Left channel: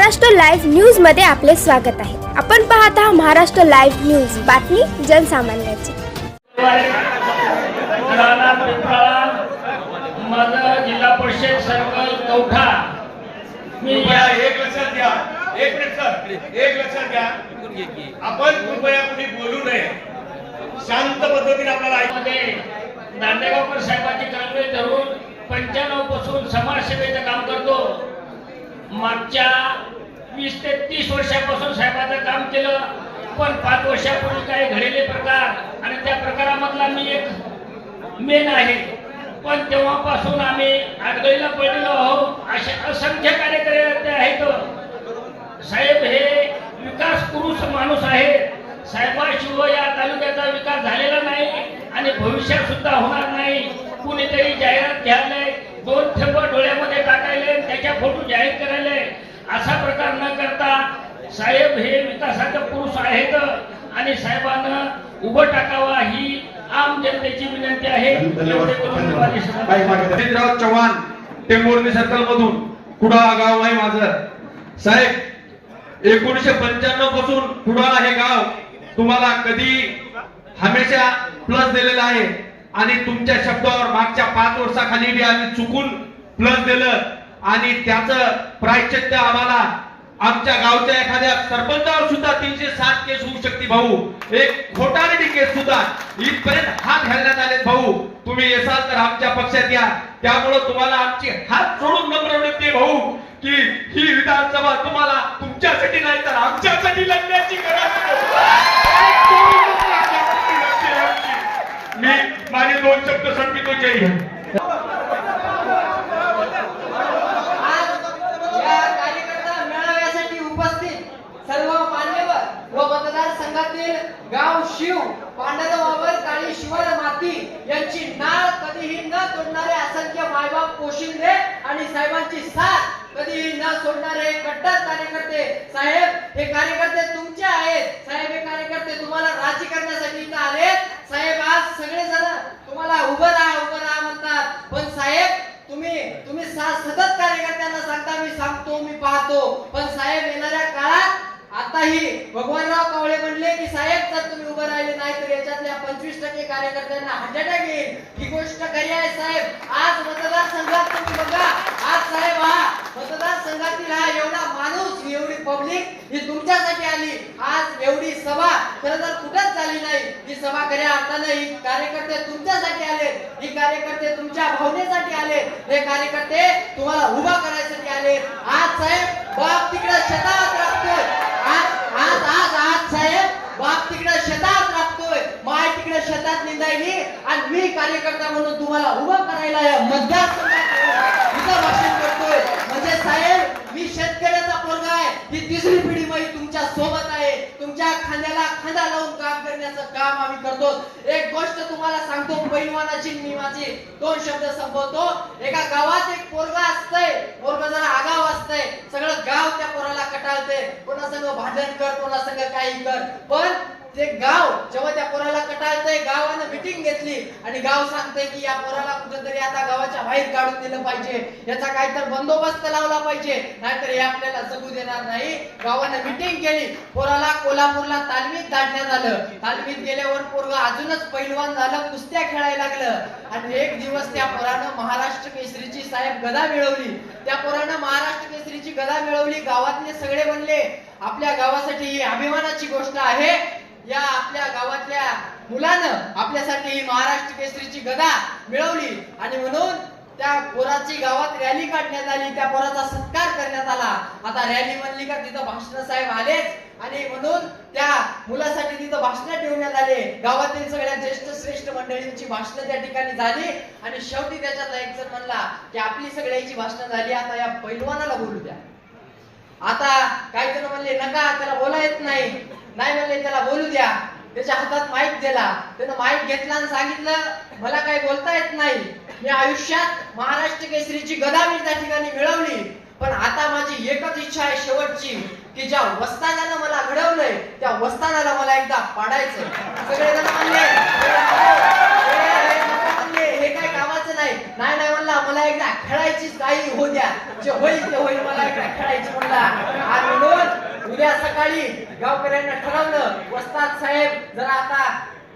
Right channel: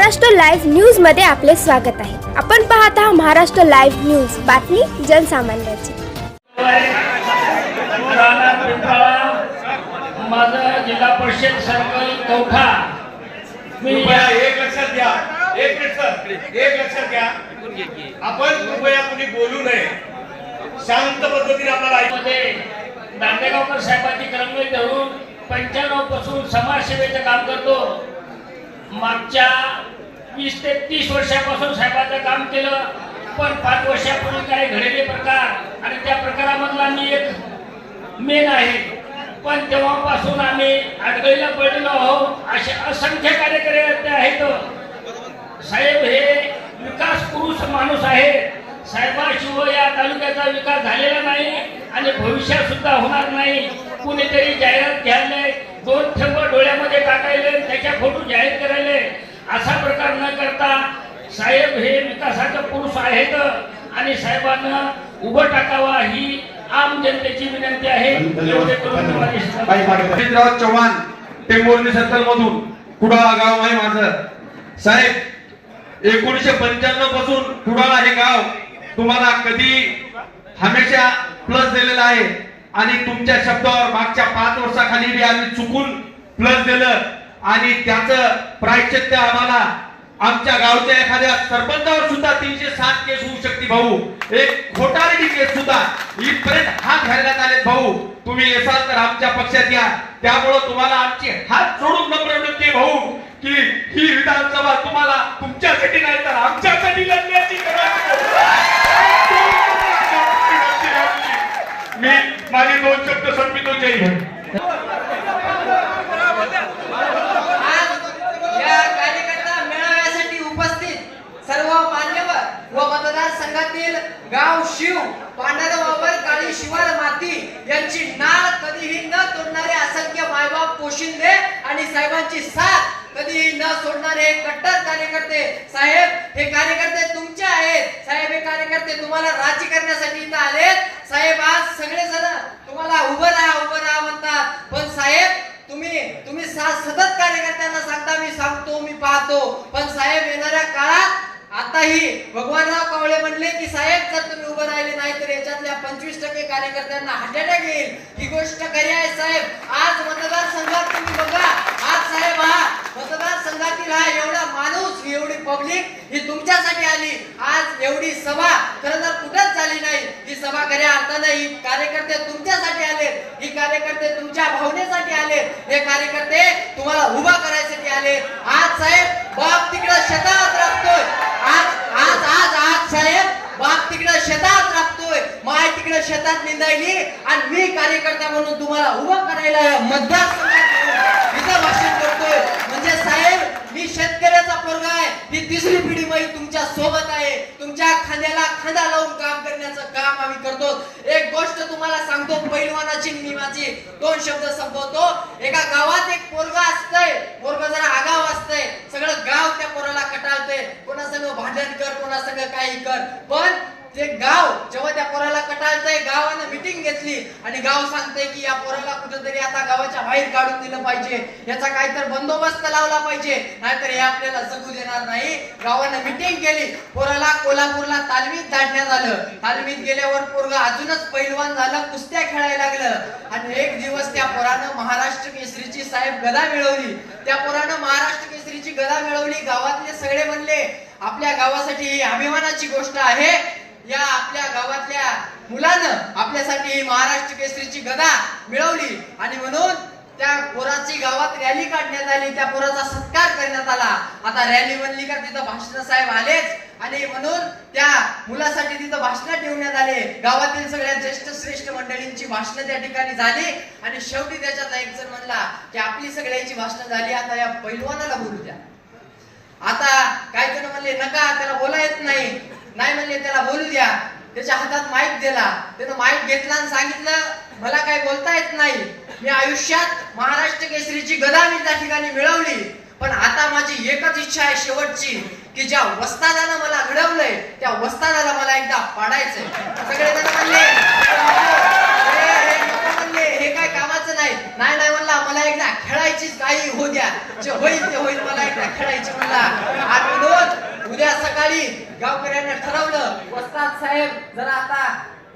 Maharashtra live न्यूजमध्ये आपले स्वागत आहे. आपण पाहत आहात महाराष्ट्र लाईव्ह न्यूज. बातमी जनसामान्याची. राणा पिंपळा माझं जिल्हा परिषद सर्कल कवठा मी या या एक लक्षात घ्या. एक मिनिट सर. एक लक्षात घ्या. आपण कृपया कुणी बोलू नये. शांत पद्धतीने आपल्याला दांडेगावकर साहेबांची कलंगडी धरून पंच्याण्णवपासून समाजसेवेचं काम करतो. मागच्या वीस ते तीस वर्षापासून साहेबाचं काम केलं पण पाच वर्षापूर्वी काही घडलेले प्रकार आणि त्या प्रकारामधला मी एक मेन आहे. पण तेव्हापासून आम्ही आडगळीला पडलेलो आहोत असे असंख्य कार्यकर्ते आहेत. साहेब हे विकास पुरुष माणूस आहे साहेबाशिवाय या तालुक्याचा विकास झालेला नाही आणि भविष्यात सुद्धा होणार नाही. कुणीतरी जाहिरात घ्यायला दोन थेंब डोळ्यामध्ये टाकायले त्याच्या फोटो जाहीर करायले. असा प्रकार न करता साहेब हे विकासाचे पुरुष आहेत आणि साहेबांना उभं टाकावा ही आम जनतेची विनंती आहे. चव्हाण टेंबोर्ली सर्कल मधून कुडाळा गाव आहे माझं. साहेब एकोणीशे पंच्याण्णवपासून कुडाळा हे गाव तुम्हाला कधी हमेशा प्लस दिलेलं आहे. आणि तुमच्या शब्दावर मागच्या पाच वर्षाखाली बी आम्ही चुकून प्लस दिलं. आणि त्याचं प्रायचित्य आम्हाला आमच्या गावच्या एखाद्या सरपंचावर सुद्धा तीनशे सात केस होऊ शकते भाऊ. एक खोटारडी केस सुद्धा इथपर्यंत हात घालण्यात आले भाऊ. तुम्ही येसाल तर आमच्या पक्षात या. त्यामुळं तुम्हाला आमची हात जोडून नम्र विनंती भाऊ की ही विधानसभा तुम्हाला तुमच्यासाठी नाही तर आमच्यासाठी लढण्याची गरज मी माझे दोन शब्द संपितो जय हिंद. कार्यकर्ता मेळाव्यासाठी उपस्थित सर्व मान्यवर व मतदार संघातील गाव शिव पांढरवावर काळी शिवार माती यांची नाळ कधीही न तोडणारे असंख्य मायबाप पोशिंदे आणि साहेबांची साथ कधीही न सोडणारे कट्टर कार्यकर्ते. साहेब हे कार्यकर्ते तुमचे आहेत. साहेब हे कार्यकर्ते तुम्हाला राजी करण्यासाठी इथं आलेत. साहेब आज सगळे जण तुम्हाला उभं राहा उभं राहा म्हणतात. पण साहेब तुम्ही तुम्ही सतत कार्यकर्त्यांना सांगता मी सांगतो मी पाहतो. पण साहेब येणाऱ्या काळात आताही भगवानराव कावळे म्हणले की साहेब जर तुम्ही उभं राहिले नाही तर याच्यातल्या पंचवीस टक्के कार्यकर्त्यांना हार्ट अटॅक येईल. ही गोष्ट खरी आहे साहेब. आज मतदारसंघात तुम्ही बघा साहेब हा मतदारसंघातील हा एवढा माणूस ही एवढी पब्लिक ही तुमच्यासाठी आली. आज एवढी सभा खरं तर कुठंच झाली नाही. ही सभा खऱ्या अर्थानं ही कार्यकर्ते तुमच्यासाठी आले. ही कार्यकर्ते तुमच्या भावनेसाठी आले. हे कार्यकर्ते तुम्हाला उभा करायसाठी आले. आज साहेब बाप तिकडं शेतात राबतोय. आज आज आज आज साहेब बाप तिकडं शेतात राबतोय. माय तिकडे शेतात निंदायली आणि मी कार्यकर्ता म्हणून तुम्हाला उभं करायला मतदारसंघात इथं भाषण करतोय. म्हणजे साहेब मी शेतकऱ्याचा पोरगा आहे. ही तिसरी पिढी माझी तुमच्यासोबत आहे. तुमच्या खांद्याला खांदा लावून काम करण्याचं काम आम्ही करतो. एक गोष्ट तुम्हाला सांगतो पैलवानाची मी माझी दोन शब्द संपवतो. एका गावात एक पोरगा असतंय. पोरगा जरा आगाव असतंय. सगळं गाव त्या पोराला कटाळतंय. कोणासंग भांडण कर कोणासंग काही कर. पण ते गाव जेव्हा त्या पोराला कटाळतंय गावानं मिटिंग घेतली आणि गाव सांगतंय की या पोराला कुठेतरी आता गावाच्या बाहेर काढून दिलं पाहिजे. याचा काहीतरी बंदोबस्त लावला पाहिजे. नाहीतर हे आपल्याला जगू देणार नाही. गावानं मिटिंग केली. पोराला कोल्हापूरला तालमीत धाडण्यात आलं. तालमीत गेल्यावर पोरग अजूनच पैलवान झालं कुस्त्या खेळायला लागलं. आणि एक दिवस त्या पोरानं महाराष्ट्र केसरीची साहेब गदा मिळवली. त्या पोरानं महाराष्ट्र केसरीची गदा मिळवली. गावातले सगळे म्हणले आपल्या गावासाठी ही अभिमानाची गोष्ट आहे. या आपल्या गावातल्या मुलानं आपल्यासाठी ही महाराष्ट्र केसरीची गदा मिळवली. आणि म्हणून त्या पोराची गावात रॅली काढण्यात आली. त्या पोराचा सत्कार करण्यात आला. आता रॅली म्हणली का तिथं भाषण साहेब आलेच. आणि म्हणून त्या मुलासाठी तिथं भाषण ठेवण्यात आले. गावातील सगळ्या ज्येष्ठ श्रेष्ठ मंडळींची भाषणं त्या ठिकाणी झाली. आणि शेवटी त्याच्यात एक जण म्हणला की आपली सगळ्याची भाषणं झाली. आता या पैलवानाला बोलू द्या. आता काय जण म्हणले नका त्याला बोला येत नाही. नाही म्हणले त्याला बोलू द्या. त्याच्या हातात माईक दिला. त्यानं माईक घेतला आणि सांगितलं मला काही बोलता येत नाही. मी आयुष्यात महाराष्ट्र केसरीची गदा मी त्या ठिकाणी मिळवली. पण आता माझी एकच इच्छा आहे शेवटची की ज्या वस्तादानं मला घडवलंय त्या वस्तादाला मला एकदा पाडायचंय. सगळे जण हे- म्हणले. हे काय कामाचं नाही. नाही नाही म्हणला. मला एकदा खेळायचीच काही हो द्या. जे होईल ते होईल. मला एकदा खेळायची म्हणला. आणि विनोद उद्या सकाळी गावकऱ्यांना ठरवलं वस्ताद साहेब जरा आता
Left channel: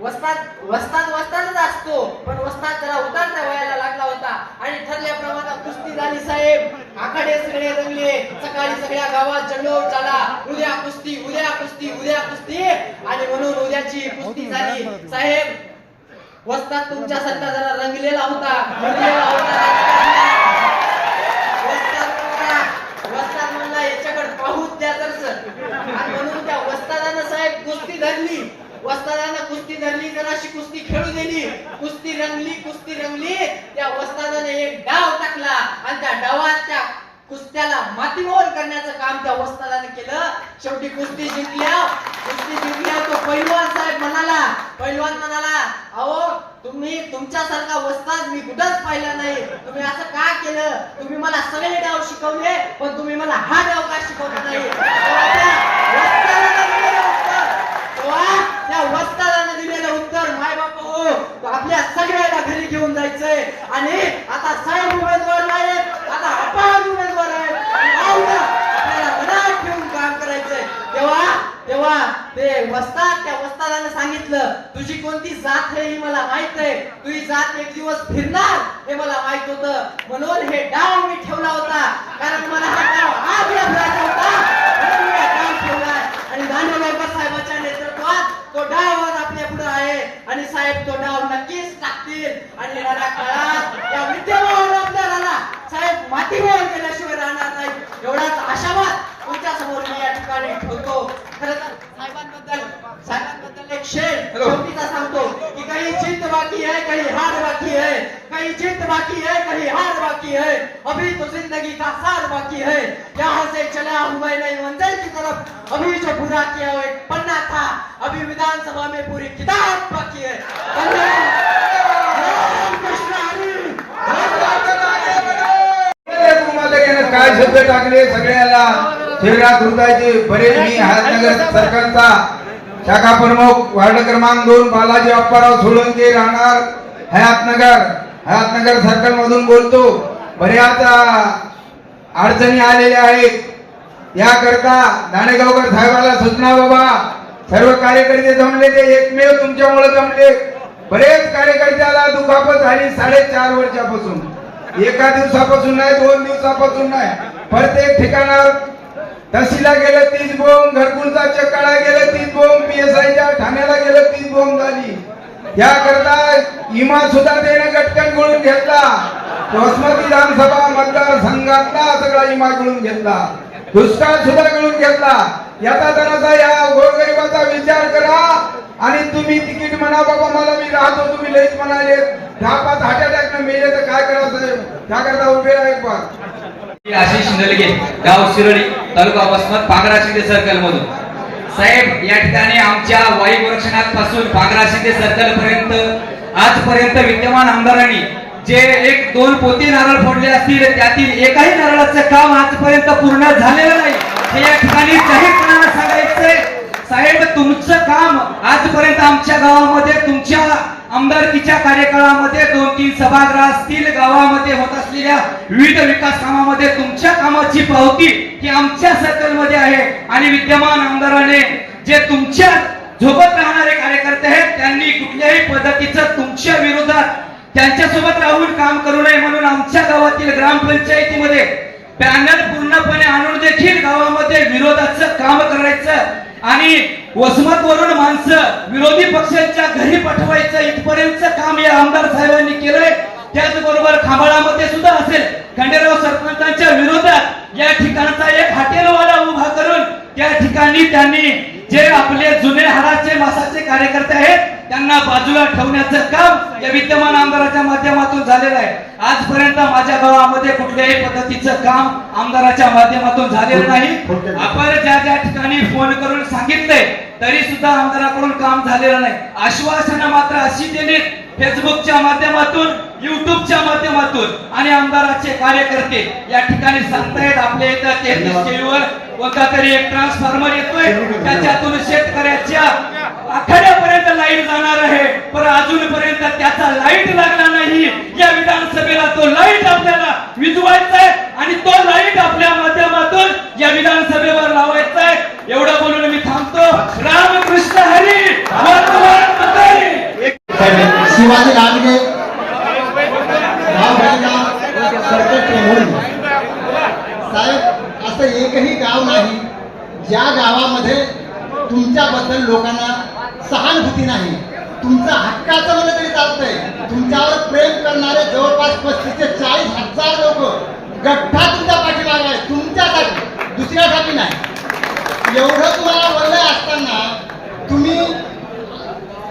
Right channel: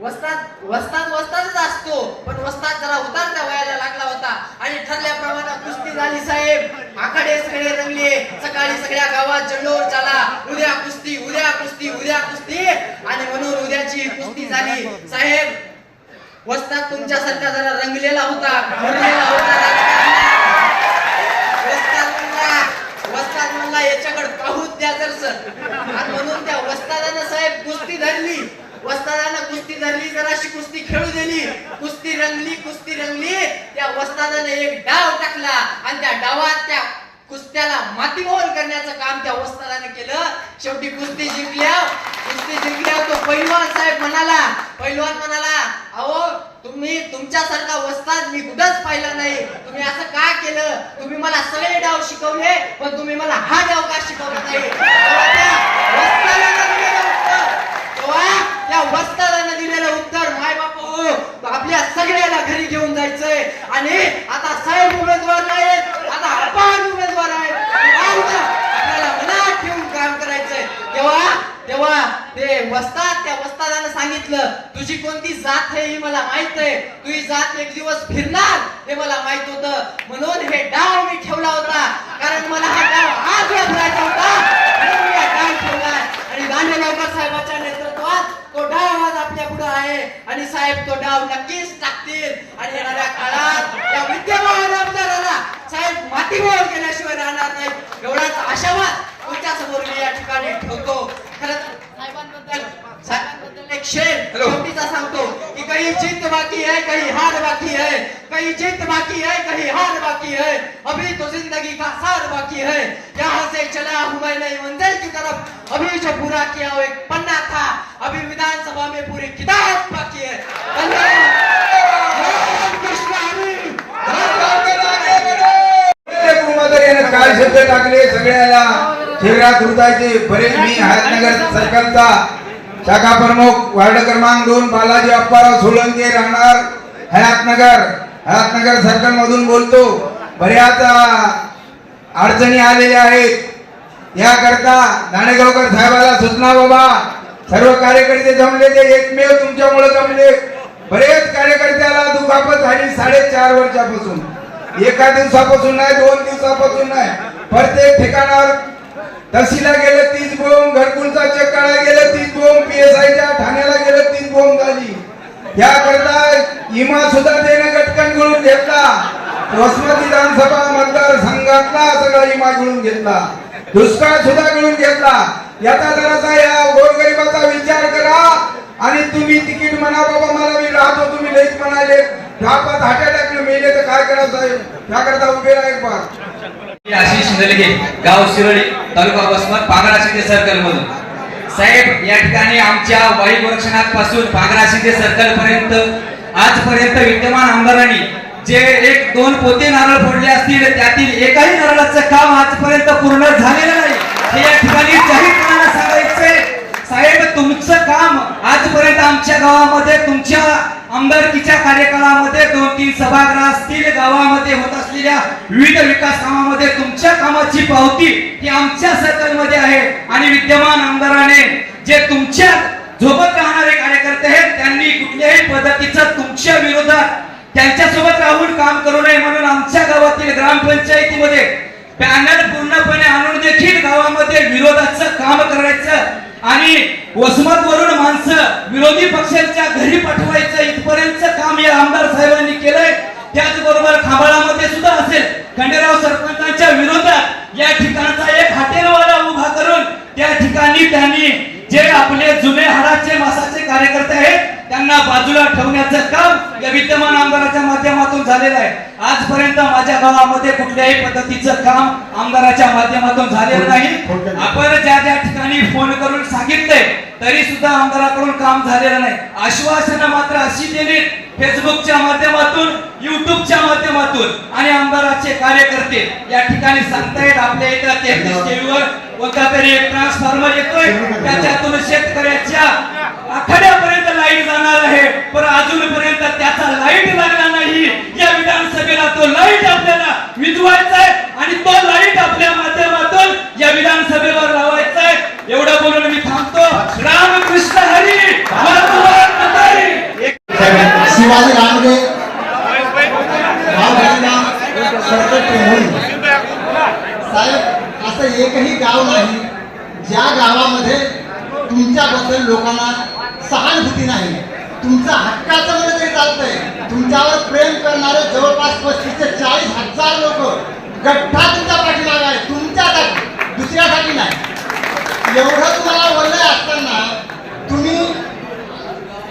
वस्ताद वस्ताद वस्तादच असतो पण वस्ताद जरा उतरता वयाला लागला होता. आणि ठरल्याप्रमाणे कुस्ती झाली साहेब. आखाडे सगळे रंगले. सकाळी सगळ्या गावात जल्लोष झाला. उद्या कुस्ती उद्या कुस्ती उद्या कुस्ती. आणि म्हणून उद्याची कुस्ती झाली. साहेब वस्ताद सध्या जरा रंगलेला होता. रंगलेला होता राजकारणात. वस्ताद म्हणला वस्ताद म्हणला याच्याकडे पाहूच द्या तर सर. आणि म्हणून त्या वस्तादानं साहेब कुस्ती धरली. वस्तादानं कुस्ती धरली जराशी कुस्ती खेळू दिली. कुस्ती रंगली कुस्ती रंगली. त्या वस्तादानं एक डाव टाकला आणि त्या डावात त्या कुस्त्याला मातीमोल करण्याचं काम त्या वस्तादानं केलं. शेवटी कुस्ती जिंकल्या. कुस्ती जिंकल्या तो पैलवान साहेब म्हणाला पैलवान म्हणाला अहो तुम्ही तुमच्यासारखा वस्ताद मी कुठंच पाहिला नाही. तुम्ही असं का केलं? तुम्ही मला सगळे डाव शिकवले पण तुम्ही मला हा डाव का शिकवला नाही? तेव्हा त्या वस्तादानं दिलेलं उत्तर माय बाप हो आपल्या सगळ्याला घरी घेऊन जायचंय. आणि आता साहेब उमेदवार नाहीत आता अपहार उमेदवार आहेत. आपल्याला मनात ठेवून काम करायचंय. तेव्हा तेव्हा ते वस्ताद त्या वस्तादानं सांगितलं तुझी कोणती जात हे ही मला माहीत आहे. तुझी जात एक दिवस फिरणार हे मला माहीत होतं. म्हणून हे डाव मी ठेवला होता. कारण मला हा डाव आज वाजवायचा होता. डाव ठेवलाय आणि साहेबाच्या नेतृत्वात तो डाव आज आपल्या पुढे आहे. आणि साहेब तो डाव नक्कीच टाकतील. आणि येणाऱ्या काळात या विद्यमान आमदाराला साहेब मातीमोल केल्याशिवाय राहणार नाही एवढाच आशावाद तुमच्यासमोर मी या ठिकाणी ठेवतो. खरं तर साहेबांबद्दल साहेबांबद्दल एक शेर शेवटीचा सांगतो की काही जीत बाकी है काही हार बाकी है काही जीत बाकी है काही हार बाकी है अभी तो जिंदगी का सार बाकी है। यहाँ से चला हूँ मैं नई मंजिल की तरफ। अभी जो पूरा किया वो एक पन्ना था। अभी विधानसभा में पूरी किताब बाकी है। काय टाकले सगळ्याला। शिवराज हृदयाचे बरेच मी हातनगर सरकारचा शाखा प्रमुख वार्ड क्रमांक दोन बालाजी अप्पाराव सोळंके राहणार हयातनगर. हयातनगर सर्कल मधून बोलतो बऱ्याच अडचणी आलेल्या आहेत. याकरता दाणेगावकर साहेबाला सूचना बाबा सर्व कार्यकर्ते जमले ते एकमेव तुमच्यामुळे जमले. बरेच कार्यकर्त्याला दुखापत झाली साडेचार वर्षापासून. एका दिवसापासून नाही दोन दिवसापासून नाही. प्रत्येक ठिकाणावर तहसीलला गेलं तीच बोंब घरकुलचा चेक गेलं तीच बोंब पीएसआयच्या ठाण्याला गेलं तीच बोंब झाली. याकरता इमा सुद्धा त्याने गटकन मिळून घेतला. वसमती विधानसभा मतदारसंघातला सगळा इमा गिळून घेतला. दुष्काळ सुद्धा गिळून घेतला. याचा जरासा या गोरगरिबाचा विचार करा आणि तुम्ही तिकीट म्हणा बाबा मला मी राहतो तुम्ही लईच म्हणाले. दहा पाच हार्ट अटॅक मेले तर काय करा साहेब? त्याकरता उभे राहा एक बार. आशिष नलगे गाव शिरोली तालुका वसमत पागडा शिंदे सर्कल मधून. साहेब या ठिकाणी आमच्या वायू रक्षणापासून पागडा शिंदे सर्कल पर्यंत आजपर्यंत विद्यमान आमदारांनी जे एक दोन पोते नारळ फोडले असतील त्यातील एकाही नारळाचं काम आजपर्यंत पूर्ण झालेलं नाही. हे या ठिकाणी जाहीरपणाने सांगायचे साहेब तुमचं काम आजपर्यंत आमच्या गावामध्ये तुमच्या आमदारकीच्या कार्यकाळामध्ये दोन तीन सभागृह असतील गावामध्ये होत असलेल्या विविध विकास कामामध्ये तुमच्या कामाची पावती ही आमच्या सर्कलमध्ये आहे. आणि विद्यमान आमदाराने जे तुमच्या झोपत राहणारे कार्यकर्ते आहेत त्यांनी कुठल्याही पद्धतीचं तुमच्या विरोधात त्यांच्यासोबत राहून काम करू नये म्हणून आमच्या गावातील ग्रामपंचायतीमध्ये बॅनर पूर्णपणे आणून देखील गावामध्ये विरोधाचं काम करायचं आणि वसमत वरून माणसं विरोधी पक्षांच्या घरी पाठवायचं इथपर्यंत काम या आमदार साहेबांनी केलंय. त्याचबरोबर खांबाळामध्ये सुद्धा असेल. खंडेराव सरपंचांच्या विरोधात या ठिकाणचा एक हॉटेलवाला उभा करून त्या ठिकाणी त्यांनी जे आपले जुने हाडाचे मासाचे कार्यकर्ते आहेत त्यांना बाजूला ठेवण्याचं काम या विद्यमान आमदाराच्या माध्यमातून झालेलं आहे. आजपर्यंत माझ्या गावामध्ये कुठल्याही पद्धतीचं काम आमदाराच्या माध्यमातून झालेलं नाही. आपण ज्या ज्या ठिकाणी फोन करून सांगितलंय तरी सुद्धा आमदाराकडून काम झालेलं नाही. आश्वासनं मात्र अशी दिली फेसबुकच्या माध्यमातून युट्यूबच्या माध्यमातून आणि आमदाराचे कार्यकर्ते या ठिकाणी सांगतायत आपल्या इथं तेहतीस केवीवर कोणता तरी एक ट्रान्सफॉर्मर येतोय त्याच्यातून शेतकऱ्याच्या आखाड्यापर्यंत लाइट जाणार आहे पण अजूनपर्यंत त्याचा लाइट लागला नाही या विधानसभेला तो लाइट आपल्या सर्कल म्हणून साहेब असं एकही गाव नाही ज्या गावामध्ये तुमच्याबद्दल लोकांना सहानुभूती नाही तुमचं हक्काचं म्हणलं तरी चालतंय तुमच्यावर प्रेम करणारे जवळपास पस्तीस ते चाळीस हजार लोक गठ्ठा तुमच्या पाठीमागे आहे की नाही? एवढं तुम्हाला वरलंय असताना तुम्ही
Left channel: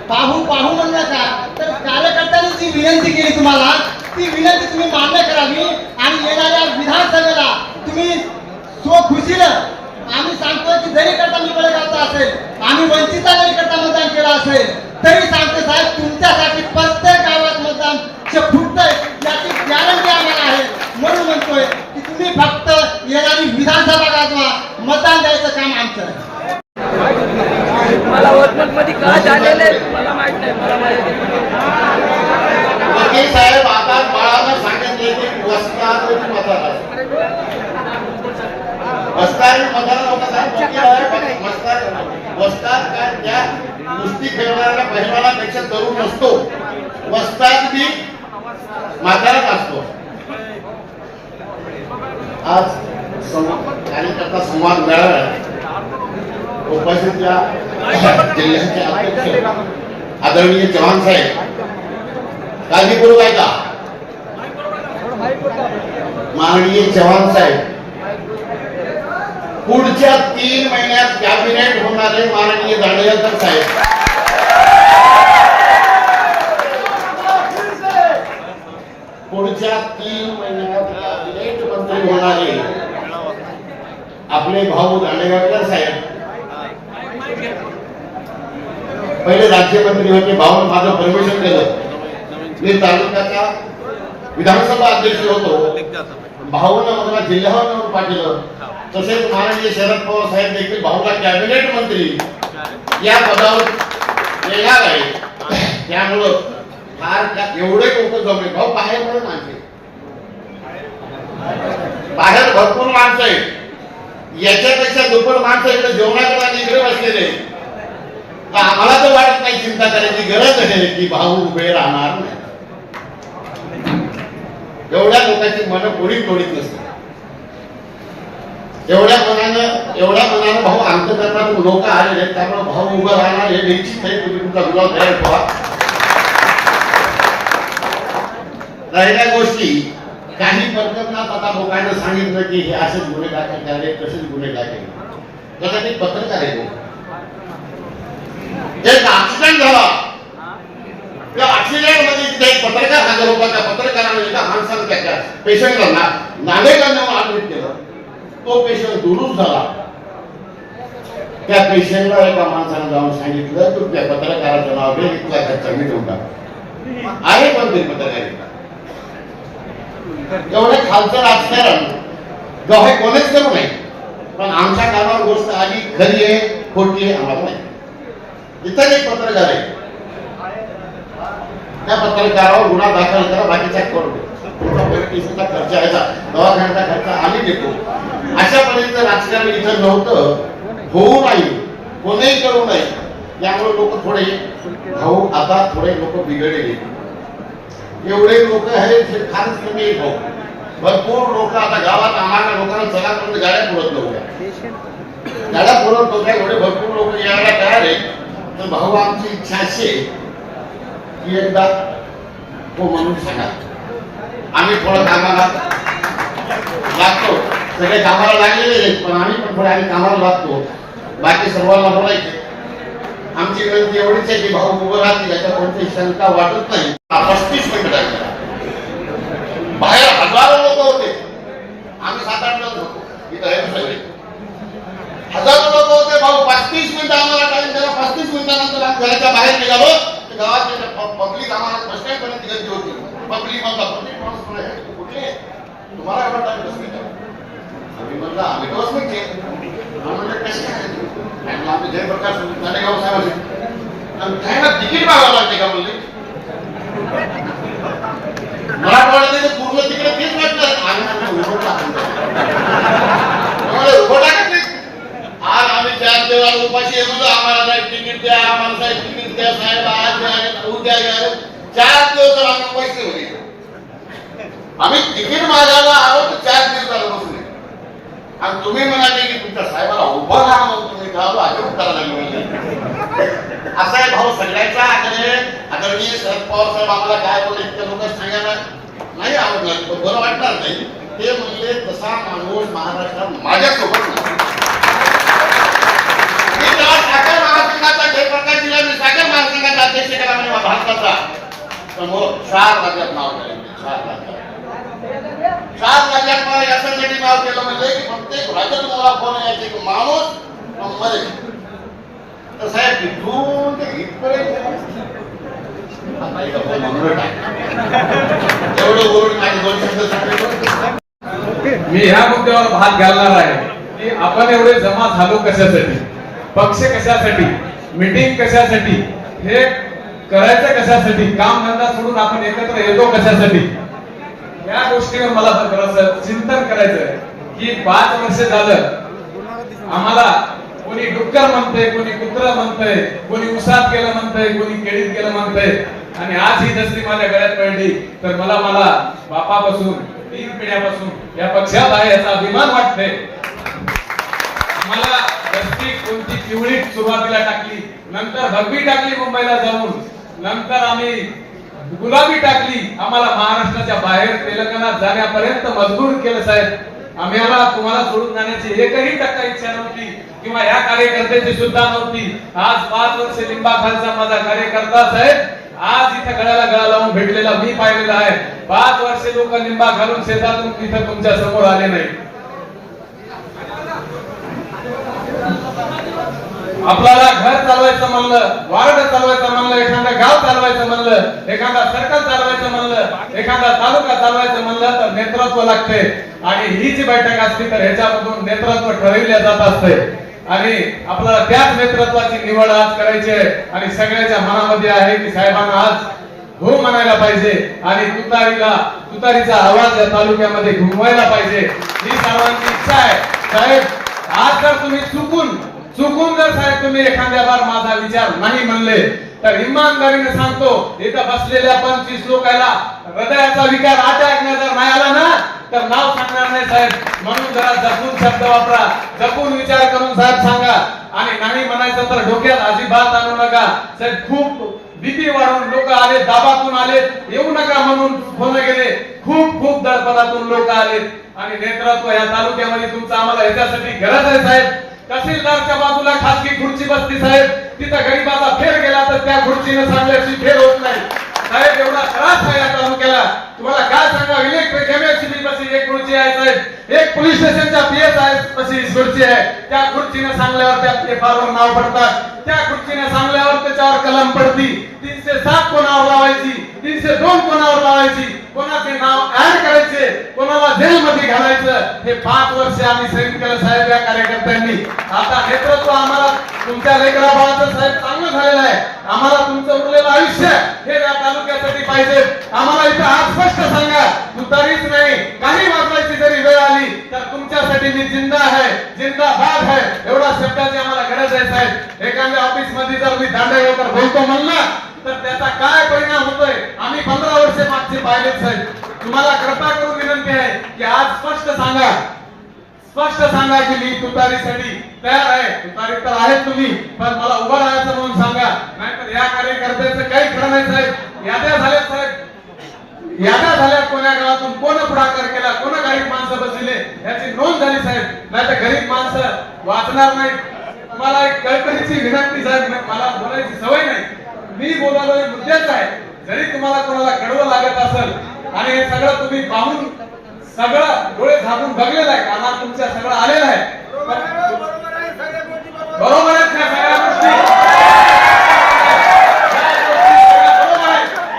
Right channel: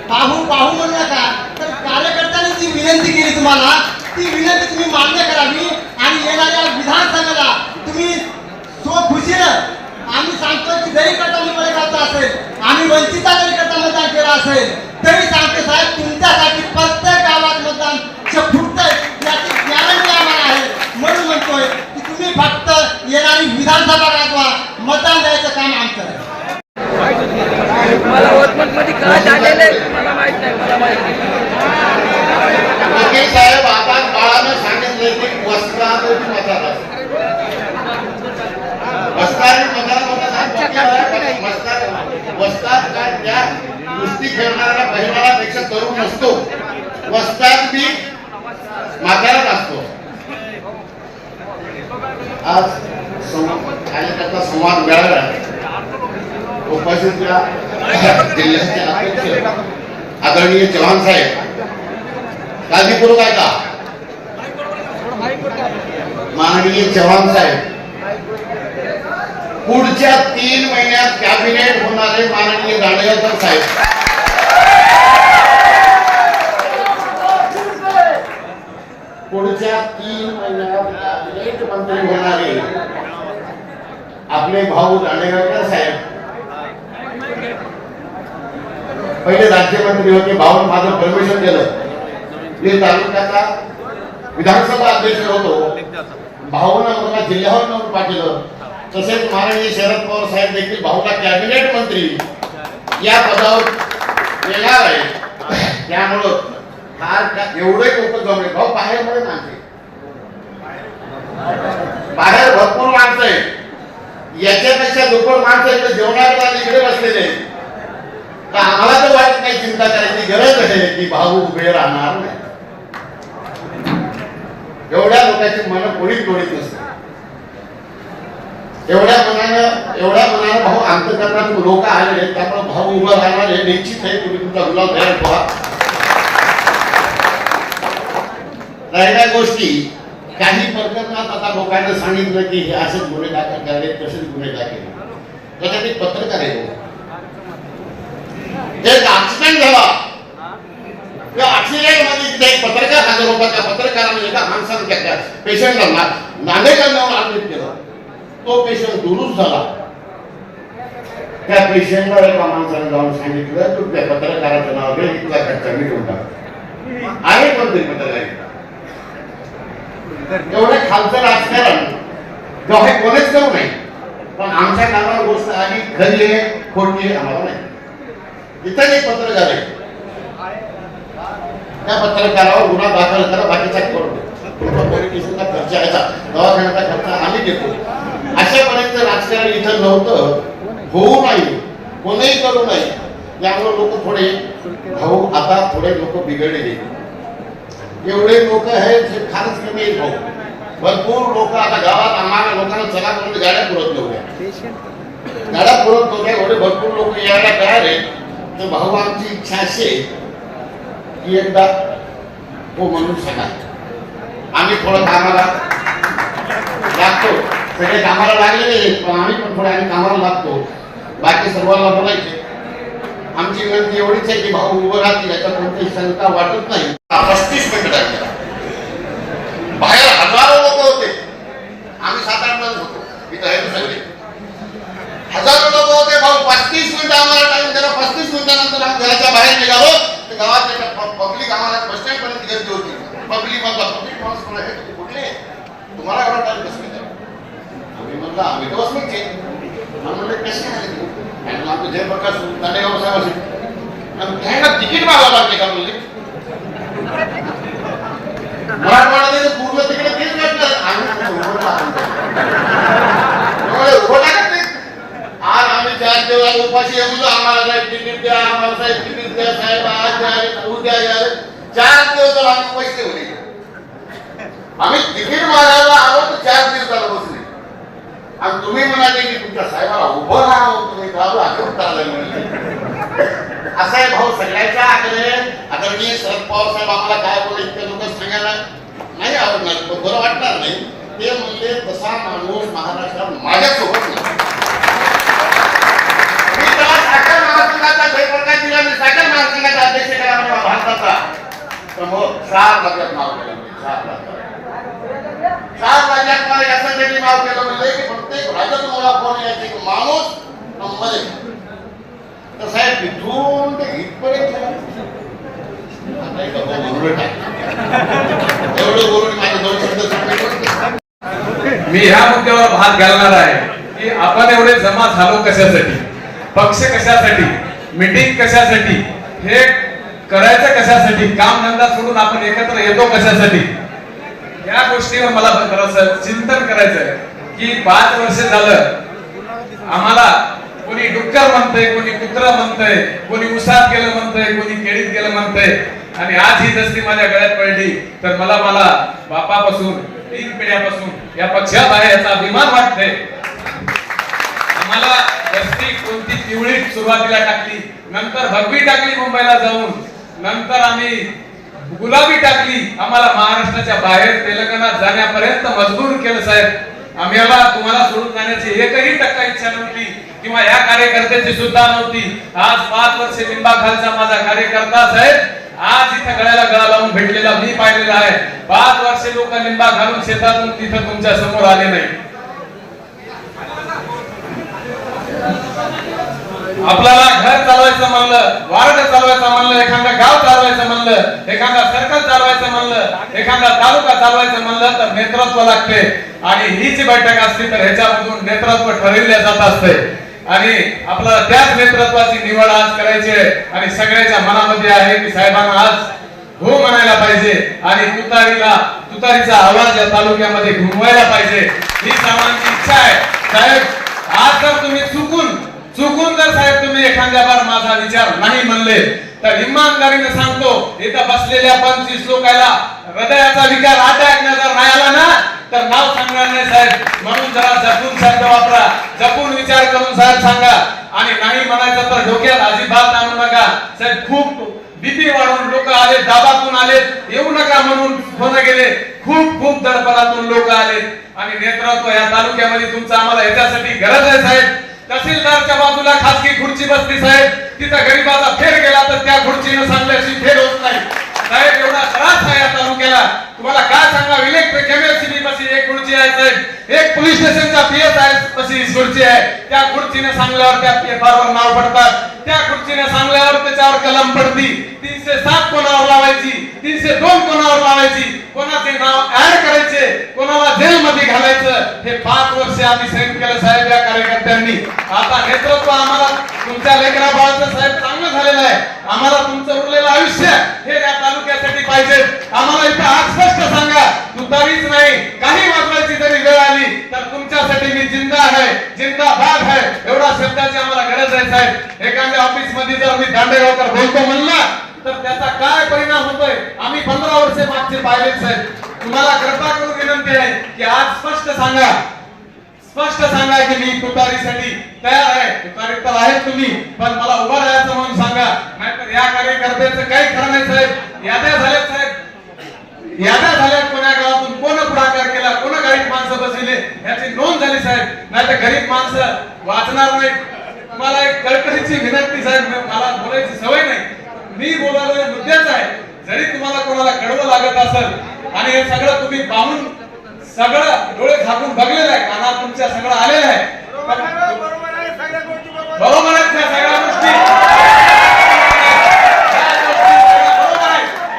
पाहू पाहू म्हणला का तर कार्यकर्त्यांनी जी विनंती केली तुम्हाला ती विनंती तुम्ही मान्य करावी आणि येणाऱ्या विधानसभेला तुम्ही सो खुशीनं आम्ही सांगतो की जरी करता निवडगावचा असेल आम्ही वंचितचा जरी करता मतदान केलं असेल तरी सांगतो साहेब तुमच्यासाठी प्रत्येक गावात मतदान फुटतंय याची गॅरंटी आम्हाला आहे. म्हणून म्हणतोय येणारी विधानसभा गाजवा मतदान द्यायचं काम आमचं आहे. वकील साहेब आता बाळानं सांगितले की वस्ताद मतदार वस्ताद मतदार होता साहेब वकील आहे, वस्ताद वस्ताद काय त्या कुस्ती खेळणाऱ्या पहिलवानापेक्षा तरुण नसतो. वस्ताद बी म्हाताराच असतो. आज कार्यकर्ता संवाद मिळाला उपस्थित जिल्ह्याचे आदरणीय चव्हाण साहेब. काळजीपूर्वक ऐका माननीय चव्हाण साहेब. पुढच्या तीन महिन्यात कॅबिनेट होणारे माननीय दांडेकर साहेब. पुढच्या तीन महिन्यात कॅबिनेट मंत्री होणारे आपले भाऊ दांडेगावकर साहेब. पहिले राज्यमंत्री होते भाऊन माझं परमिशन दिलं मी तालुक्याचा विधानसभा अध्यक्ष होतो. भाऊनं मला जिल्ह्यावर निवडून पाठवलं तसेच महाराज शरद पवार साहेब देखील भाऊला कॅबिनेट मंत्री या पदावर येणार आहे. त्यामुळं फार एवढे लोक जमले भाऊ बाहेर मध्ये माणसे बाहेर भरपूर माणसं आहेत. याच्यापेक्षा दुप्पट माणसं इकडे जेवणाकडे आणि इकडे बसलेले आम्हाला तर वाटत नाही चिंता करायची गरज आहे की भाऊ उभे राहणार नाही. एवढ्या लोकांची मन कोणीच तोडीत नसते एवढ्या मनानं एवढ्या मनानं भाऊ अंतकरणातून लोक आलेले आहेत त्यामुळे भाऊ उभं राहणार हे निश्चित आहे. तुम्ही तुमचा गुलाब तयार ठेवा. राहिल्या गोष्टी. काही प्रकरणात आता लोकांना सांगितलं की हे असेच गुन्हे दाखल झाले तसेच गुन्हे दाखल त्यासाठी पत्रकार आहे एक ऍक्सिडेंट झाला. त्या ऍक्सिडेंटमध्ये तिथे एक पत्रकार हजर होता. त्या पत्रकाराने एका माणसानं त्याच्या पेशंटला नागरिकांना ऍडमिट केलं. तो पेशंट दुरुस्त झाला. त्या पेशंटला एका माणसाने जाऊन सांगितलं तू त्या पत्रकाराचं नाव घे तुला खर्च मी देऊन टाक. आहे पण ते पत्रकारिता एवढं खालचं राजकारण जेव्हा हे कोणीच करू नये पण आमच्या कानावर गोष्ट आली खरी आहे खोटी आहे आम्हाला नाही. इथं एक पत्रकार आहे त्या पत्रकारावर गुन्हा दाखल करा बाकीचा करू तुमचा खर्च यायचा दवाखान्याचा खर्च आम्ही देतो. अशापर्यंत राजकारण इथं नव्हतं होऊ नाही कोणीही करू नये. त्यामुळे लोक थोडे भाऊ आता थोडे लोक बिघडले एवढे लोक आहेत जे फारच कमी आहेत भाऊ. भरपूर लोक आता गावात आम्हाला लोकांना चला करून गाड्या पुरत नव्हत्या. गाड्या पुरत नव्हत्या एवढे भरपूर लोक यायला तयार आहेत. तर भाऊ आमची इच्छा अशी की एकदा हो म्हणून सांगा. आम्ही थोडं कामाला लागतो. सगळे कामाला लागलेले आहेत पण आम्ही पण थोडे आम्ही कामाला लागतो. बाकी सर्वांना बोलायचे आमची विनंती एवढीच आहे की भाऊ उभं राहतील याच्या कोणतीही शंका वाटत नाही. पस्तीस मिनिट आहे बाहेर हजारो लोक होते. आम्ही सात आठ जण होतो. हजारो लोक होते भाऊ पस्तीस मिनिट आम्हाला टाइम दिला पस्तीस मिनिटानंतर आम्ही घराच्या बाहेर निघालो तर गावात पब्लिक आम्हाला बस स्टँड पर्यंत गर्दी होती पब्लिक म्हणतात पब्लिक माणूस कुठले तुम्हाला एवढा टाइम बस आम्ही म्हणलं आम्ही तर बस आम्ही म्हणलं कसे आले आम्ही जयप्रकाश दांडेगाव साहेबांचे आणि काय तिकीट मागावं लागते का म्हणले मराठवाड्याने पूर्ण तिकडे तेच घातलं आम्ही उभं उभं टाकत नाही आज आम्ही चार देवाला उपाशी आम्हाला साहेब तिकीट द्या आम्हाला साहेब तिकीट द्या साहेब आज द्या उद्या द्या. चार दिवस आम्ही पैसे होते आम्ही तिकीट मागायला आलो तर चार दिवस झालं बसले आणि तुम्ही म्हणाले की तुमच्या साहेबाला उभं राहा म्हणून तुम्ही गाव आग्रह करायला मिळाले असा आहे भाऊ सगळ्याचा आग्रह आदरणीय शरद पवार साहेब आम्हाला काय बोलले इतके लोक सांगायला नाही आवडणार तो बरं वाटणार नाही. ते म्हणले तसा माणूस महाराष्ट्रात माझ्यासोबत नाही. मी त्याला साखर महासंघाचा जयप्रकाश दिला मी साखर महासंघाचा अध्यक्ष केला म्हणजे भारताचा. तर मग चार राज्यात नाव केलं चार राज्यात. चार राज्यात मला याच्यासाठी केलं म्हणजे की प्रत्येक राज्यातून मला फोन यायचे की माणूस मुंबई तर साहेब तिथून ते इथपर्यंत म्हणून एवढं बोलून माझे दोन शब्द सांगले मी ह्या मुद्द्यावर भाग घालणार आहे की आपण एवढे जमा झालो कशासाठी? पक्ष कशासाठी? मीटिंग कशासाठी? हे करायचं कशासाठी? काम धंदा सोडून आपण एकत्र येतो कशासाठी? या गोष्टीवर मला जरासं चिंतन करायचंय की पाच वर्ष झालं. आम्हाला कोणी डुक्कर म्हणतंय कोणी कुत्र म्हणतंय कोणी उसात गेलं म्हणतंय कोणी केळीत गेलं म्हणतंय. आणि आज ही दस्ती माझ्या गळ्यात पडली तर मला मला बापापासून तीन पिढ्यापासून या पक्षात आहे याचा अभिमान वाटतंय. आम्हाला दस्ती कोणती पिवळी सुरुवातीला टाकली नंतर भगवी टाकली मुंबईला जाऊन नंतर आम्ही गुलाबी टाकली. आम्हाला महाराष्ट्राच्या बाहेर तेलंगणात जाण्यापर्यंत मजबूर केलं साहेब. आम्हाला तुम्हाला सोडून जाण्याची एकही टक्का इच्छा नव्हती किंवा या कार्यकर्त्याची सुद्धा नव्हती. आज पाच वर्ष लिंबाखालचा माझा कार्यकर्ता साहेब आज इथं गळ्याला गळा लावून भेटलेला मी पाहिलेला आहे. पाच वर्षे लोक लिंबा घालून शेतातून तिथं तुमच्यासमोर आले नाही आपल्याला घर चालवायचं म्हणलं वार्ड चालवायचं म्हणलं एखादं गाव चालवायचं म्हणलं एखादा सर्कल चालवायचं म्हणलं एखादा तालुका चालवायचं म्हणलं तर नेतृत्व लागते. आणि ही जी बैठक असते तर ह्याच्यामधून नेतृत्व ठरविले जात असते. आणि आपल्याला त्याच नेतृत्वाची निवड आज करायची आहे. आणि सगळ्याच्या मनामध्ये आहे की साहेबांना आज हो म्हणायला पाहिजे. आणि तुतारीला तुतारीचा आवाज या तालुक्यामध्ये घुमवायला पाहिजे. ही सर्वांची इच्छा आहे. साहेब आज जर तुम्ही चुकून चुकून जर साहेब तुम्ही एखाद्या बार माझा विचार नाही म्हणले तर इमानदारीने सांगतो इथं बसलेल्या पंचवीस लोकांना हृदयाचा विकार अटॅक जर नाही आला ना तर नाव सांगणार नाही साहेब. म्हणून जरा जपून शब्द वापरा. जपून विचार करून साहेब सांगा. आणि नाही म्हणायचं तर डोक्यात अजिबात आणू नका. साहेब खूप भीती वाढवून लोक आले दाबातून आले. येऊ नका म्हणून फोन गेले खूप खूप दरबारातून लोक आले. आणि नेतृत्व या तालुक्यामध्ये तुमचं आम्हाला याच्यासाठी गरज आहे साहेब. तहसीलदारच्या बाजूला खासगी खुर्ची बसली साहेब. तिथं गरीबाला फेर गेला तर त्या खुर्चीनं सांगल्याशी फेर होत नाही. साहेब एवढा त्रास आहे या तालुक्याला. तुम्हाला काय सांगा इलेक्ट्रिक एमएससीबी पशी एक खुर्ची आहे साहेब. एक पोलीस स्टेशनच्या पीएस आहे पशी खुर्ची आहे. त्या खुर्चीनं सांगल्यावर त्या पेपरवर नाव पडतात. त्या खुर्चीनं सांगल्यावर त्याच्यावर कलम पडती. तीनशे सात कोणावर लावायची? तीनशे दोन कोणावर लावायची? कोणाचे नाव ऍड करायचे? कोणाला मध्ये घालायचं हे पाच वर्ष आम्ही सैन केलं साहेब या कार्यकर्त्यांनी. आता नेतृत्व आम्हाला तुमच्या लेकरा बाळाचं साहेब चांगलं झालेलं आहे. आम्हाला तुमचं उरलेलं आयुष्य हे या तालुक्यासाठी पाहिजे. आम्हाला इथं आज स्पष्ट सांगा तुतारीच नाही काही वाजवायची जरी वेळ आली तर तुमच्यासाठी मी जिंदा आहे जिंदाबाद आहे एवढा शब्दाची आम्हाला गरज आहे साहेब. एखाद्या ऑफिसमध्ये जर मी दांडेगावकर बोलतो म्हणलं तर त्याचा काय परिणाम होतोय? आम्ही पंधरा वर्षे मागचे पाहिले साहेब. तुम्हाला कृपा करून विनंती आहे की आज स्पष्ट सांगा. स्पष्ट सांगा की मी तुतारीसाठी तयार आहे. तुतारी तर आहे तुम्ही पण मला उभं राहायचं म्हणून सांगा. नाहीतर या कार्यकर्त्याचं काही खरं नाही साहेब. याद्या झाल्यात साहेब. याद्या झाल्या कोण्या गावातून कोण पुढाकार केला कोण गरीब माणसं बसविले याची नोंद झाली साहेब. नाही तर गरीब माणसं वाचणार नाही तुम्हाला एक कळकळीची विनंती साहेब. मला बोलायची सवय नाही. मी बोलायला मुद्द्याच आहे. जरी तुम्हाला कोणाला कळवं लागत असेल आणि हे सगळं तुम्ही पाहून सगळं डोळे झाकून बघलेलं आहे. कानात तुमच्या सगळं आलेलं आहे. बरोबर आहेत त्या सगळ्या गोष्टी?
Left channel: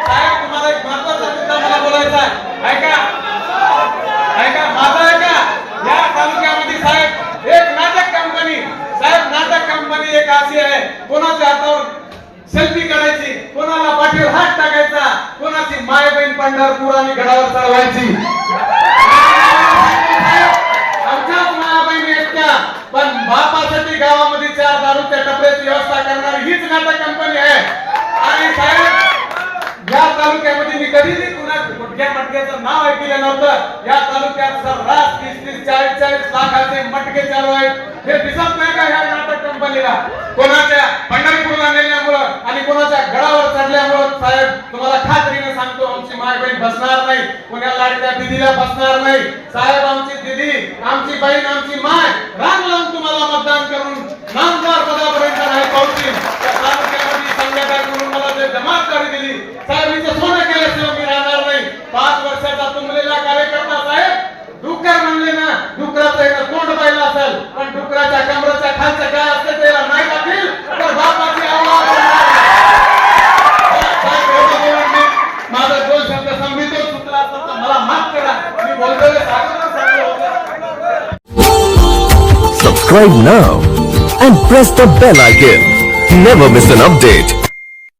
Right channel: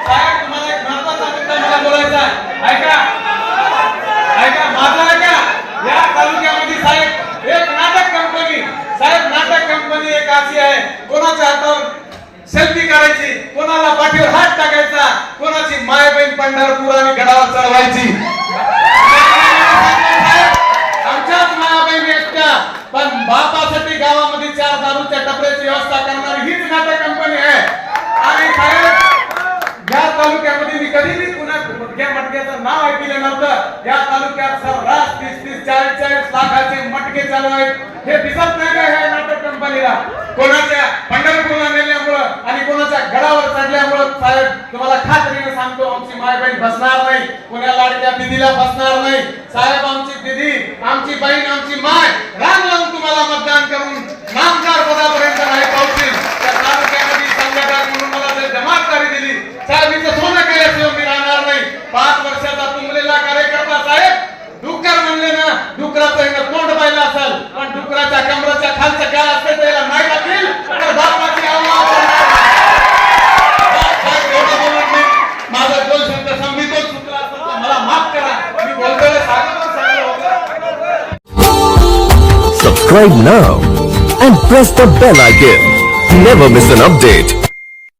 साहेब, तुम्हाला एक महत्त्वाचा मुद्दा मला बोलायचा ऐका. ऐका माझा ऐका. या तालुक्यामध्ये साहेब एक नाटक कंपनी साहेब नाटक कंपनी एक अशी आहे. कोणाच्या हातावर सेल्फी करायची. कोणाला पाठीवर हात टाकायचा? कोणाची माय बहीण पंढरपूर आणि गडावर चढवायची? आमच्याच माया बहिणी आहेत त्या पण बापासाठी गावामध्ये चार दारूच्या टपऱ्याची व्यवस्था करणारी हीच नाटक कंपनी आहे. आणि साहेब या तालुक्यामध्ये मी कधीही कुणा मटक्या मटक्याचं नाव ऐकलं नव्हतं. या तालुक्यात सर्रास तीस तीस चाळीस चाळीस लाखाचे मटके चालू आहेत. हे दिसत नाही का ह्या नाटक कंपनीला? कोणाच्या पंढरपूरला नेल्यामुळं आणि कोणाच्या गडावर चढल्यामुळं? साहेब तुम्हाला खात्रीने सांगतो आमची माय बहीण बसणार नाही. कोणा लाडक्या दिदीला बसणार नाही. साहेब आमची दिदी आमची बहीण आमची माय राम राम तुम्हाला मतदान करून नामदार पदापर्यंत नाही पोहोचतील. त्या तालुक्यामध्ये संघटक म्हणून मला जे जमातदारी दिली। साहेब इथं सोनं केल्याशिवाय मी राहणार नाही? पाच वर्षाचा तुंबलेला कार्यकर्ता साहेब। डुक्कर म्हणले ना डुकराचं हे तोंड पाहिलं असेल पण डुकराच्या कमराच्या खालचं काय असते त्याला नाही लागेल तर बापाची माझं दोन शब्द संगीतच सुचला असेल तर मला माफ़ करा। मी बोलतोय साहेबांना सांगलं होतं Subscribe now and press the bell icon. Never miss an update.